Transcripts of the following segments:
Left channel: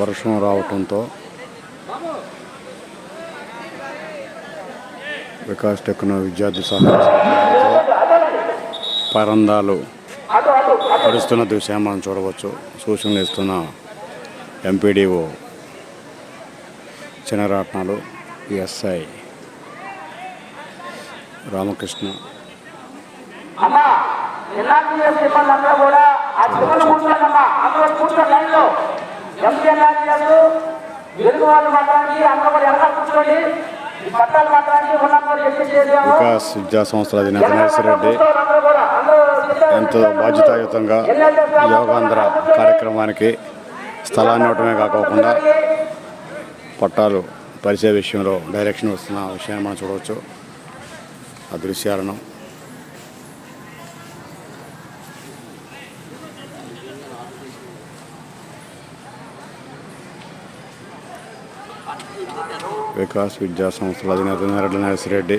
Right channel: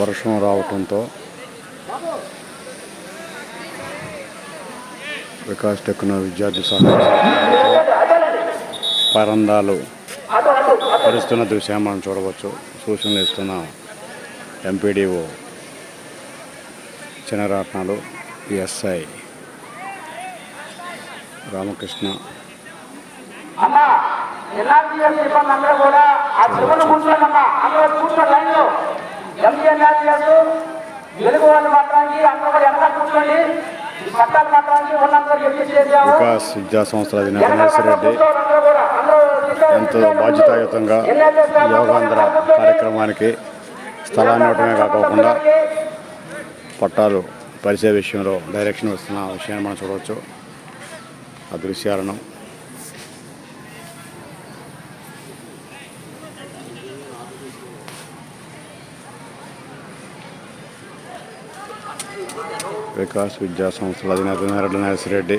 వర్షం రావటంతో వికాస్ టెక్నో విద్యార్థి సహాయంతో పరందాలు పరుస్తున్న దృశ్యాన్ని మనం చూడవచ్చు. సూచనలు ఇస్తున్న ఎంపీడీఓ చినరాట్నాలు ఎస్ఐ రామకృష్ణ వికాస్ విద్యా సంస్థల అధినేత నర్సిరెడ్డి ఎంతో బాధ్యతాయుతంగా యోగాంధ్ర కార్యక్రమానికి స్థలాన్ని ఇవ్వడమే కాకుండా పట్టాలు పరిచయ విషయంలో డైరెక్షన్ వస్తున్న విషయాన్ని మనం చూడవచ్చు. ఆ దృశ్యాలను వికాస్ విద్యా సంస్థల అధినేత నర్సిరెడ్డి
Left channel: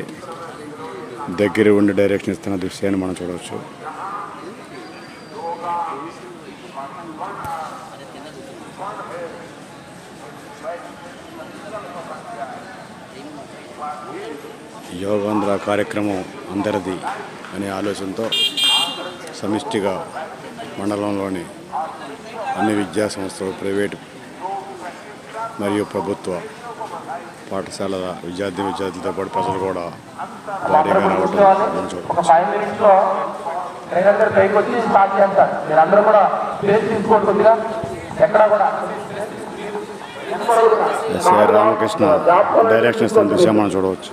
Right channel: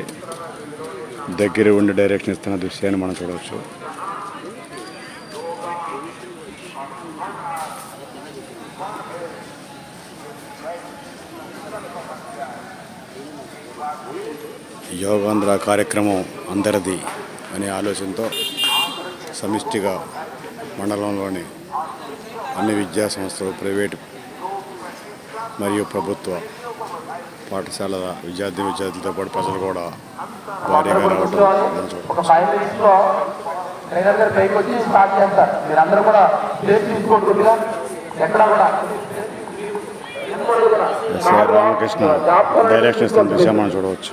దగ్గర ఉండి డైరెక్షన్ ఇస్తున్న దృశ్యాన్ని మనం చూడవచ్చు. యోగాంధ్ర కార్యక్రమం అందరిది అనే ఆలోచనతో సమిష్టిగా మండలంలోని అన్ని విద్యా సంస్థలు, ప్రైవేటు మరియు ప్రభుత్వ పాఠశాలల విద్యార్థులతో పాటు ప్రజలు కూడా భారీగా రావడం మనం చూడవచ్చు. ఎస్ఐ రామకృష్ణ డైరెక్షన్ ఇస్తున్న దృశ్యం మనం చూడవచ్చు.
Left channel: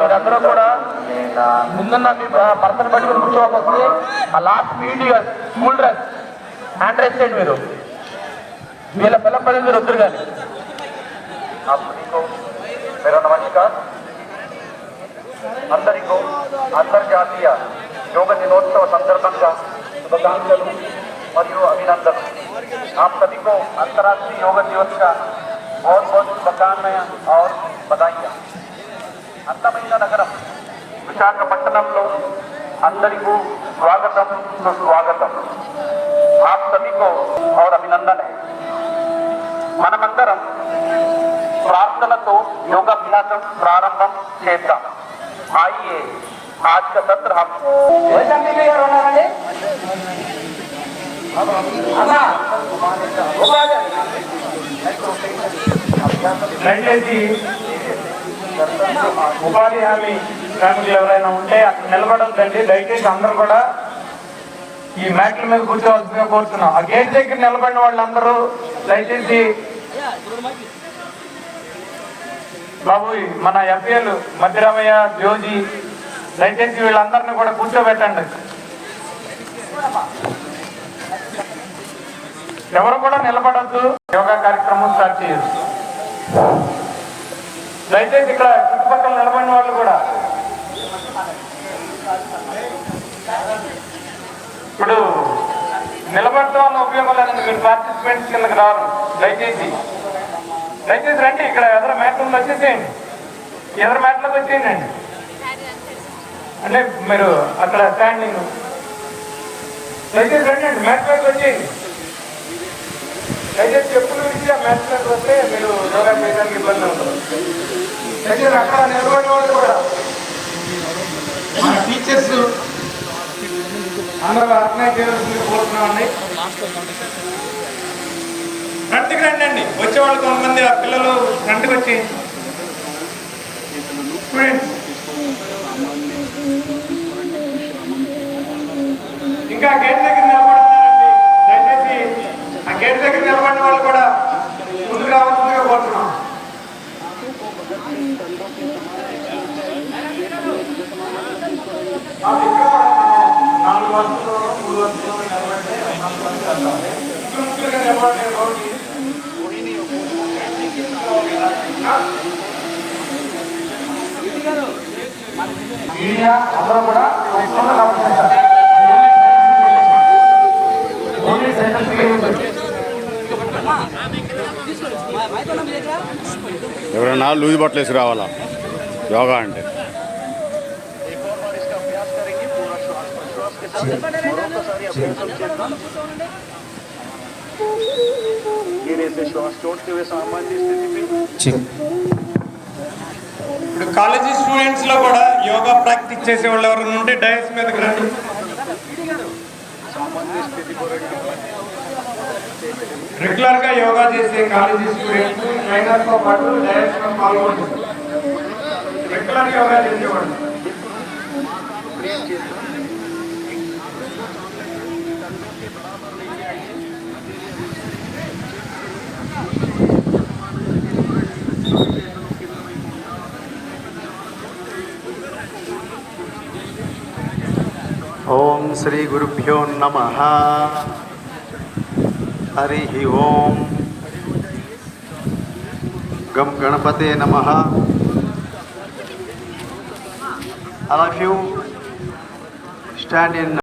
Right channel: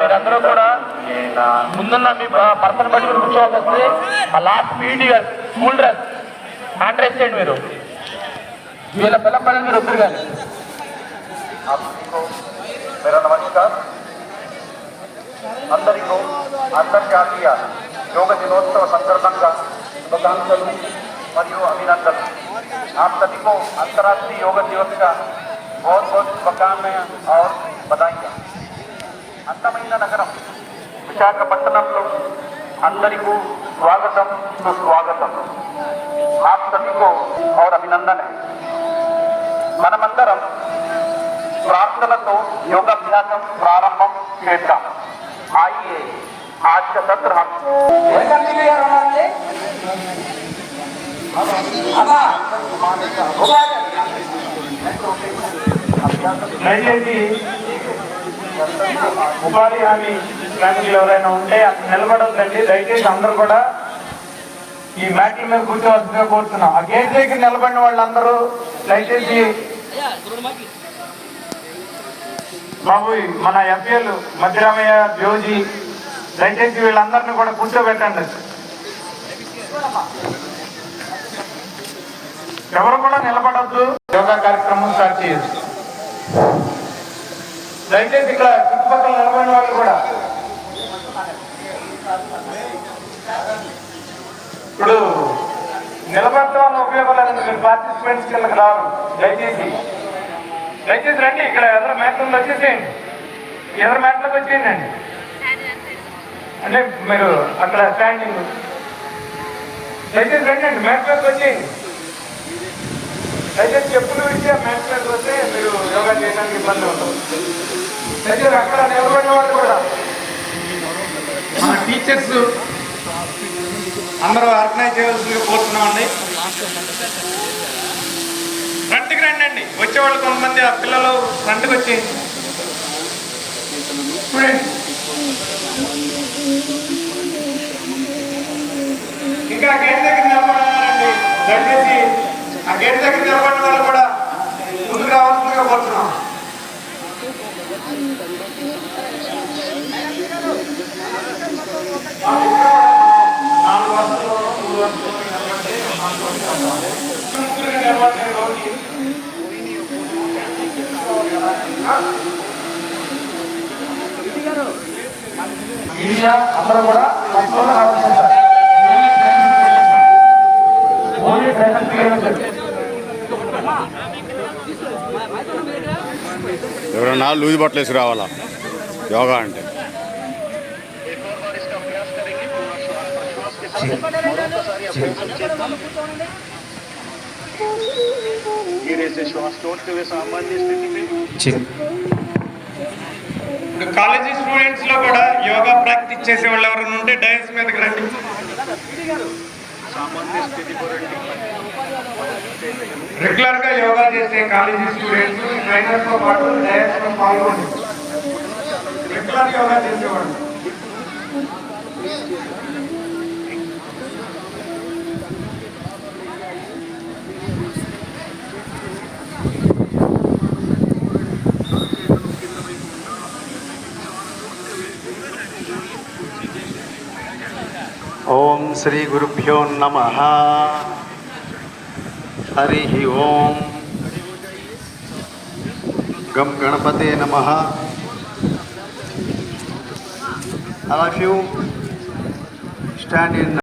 మీరందరూ కూడా ముందున్న మీ పర్సన్ బట్టి కూర్చోవాల్సి వస్తుంది. ఆ లాస్ట్ మీడి స్కూల్ డ్రెస్ హ్యాండ్ రైస్ చేయండి. మీరు వీళ్ళ పిల్లపల్లి మీరు వద్దరు కానీ. నమస్కారం. అందరికీ అంతర్జాతీయ యోగ దినోత్సవ సందర్భంగా శుభాకాంక్షలు మరియు అభినందనలు. आप सभी को अंतर्राष्ट्रीय योग दिवस का बहुत बहुत शुभकामनाएं और बधाइयाँ. అందమైన నగరం విశాఖపట్నంలో అందరికీ స్వాగతం, సుస్వాగతం. आप सभी को और अभिनंदन है. మనమందరం ప్రార్థనతో యోగాభ్యాసం ప్రారంభం చేద్దాం. आइए आज का सत्र हम ఉపాధి హామీ శ్రామికులు ఎవరైనా ఉంటే అక్కడ నిలబడొద్దండి. దయచేసి అందరూ కూడా ఈ మ్యాట్ల మీద కూర్చోవలసిందిగా కోరుతున్నాం. ఆ గేట్ దగ్గర నిలబడిన వాళ్ళందరూ దయచేసి బాబు మన ఎంపీలు మధ్యరామయ్య, జోజీ, దయచేసి వీళ్ళందరినీ కూడా కూర్చోబెట్టండి. ఎవరు కూడా నిలబడద్దు. యోగా కార్యక్రమం స్టార్ట్ చేయొచ్చు. దయచేసి ఇక్కడ చుట్టుపక్కల నిలబడిన వాళ్ళు కూడా ఇప్పుడు నిలబడటం వల్ల ఉపయోగం లేదు. మీరు పార్టిసిపెంట్స్ కిందకి రారు. దయచేసి రండి. ఇక్కడ ఎదురు మ్యాట్లు వచ్చేసేయండి. ఎదురు మ్యాట్లోకి వచ్చేయండి. అంటే మీరు అక్కడ స్టాండింగ్ దయచేసి రండి. మ్యాట్ మీదకి వచ్చేయండి. దయచేసి చెప్పులు విడిచి ఆ మ్యాట్ మీదకి వస్తే మీరు యోగా చేయడానికి ఇబ్బంది ఉంటుంది. దయచేసి అక్కడ నిలబడిన వాళ్ళు కూడా మన టీచర్స్ అందరూ ఆర్గనైజ్ చేయాల్సింది కోరుతున్నామండి. ఫ్రంట్కి రండి. వచ్చేవాళ్ళు కొంతమంది ఆ పిల్లలు ఫ్రంట్కి వచ్చి ఇంకా గేట్ దగ్గర నిలబడాలండి. దయచేసి ఆ గేట్ దగ్గర నిలబడిన వాళ్ళు కూడా రావాల్సిందిగా కోరుతున్నాం. మీడియా అందరూ కూడా ఎవరన్నా లూజ్ బట్టలు వేసి రావాలా యోగా అంటే. మరొకసారి అభ్యాసం చేద్దాం. గిరేసే శ్వాస छोड़ते हुए सामान्य स्थिति में. కాలేజీ స్టూడెంట్స్ లో కూడా యోగా ప్రాక్టీస్ చేసే వాళ్ళు ఎవరైనా ఉంటే డైస్ మీదకి రండి. सामान्य स्थिति को రండి. రెగ్యులర్ గా యోగా చేసే కాలేజీ స్టూడెంట్స్ ట్రైనర్ తో పాటు డైస్ లో పాల్గొంటారు. రెగ్యులర్ యోగా చేసేవాళ్ళు. ఓం శ్రీ గురుభ్యో నమః. హరి ఓం. గం గణపతే నమః. All of you stand in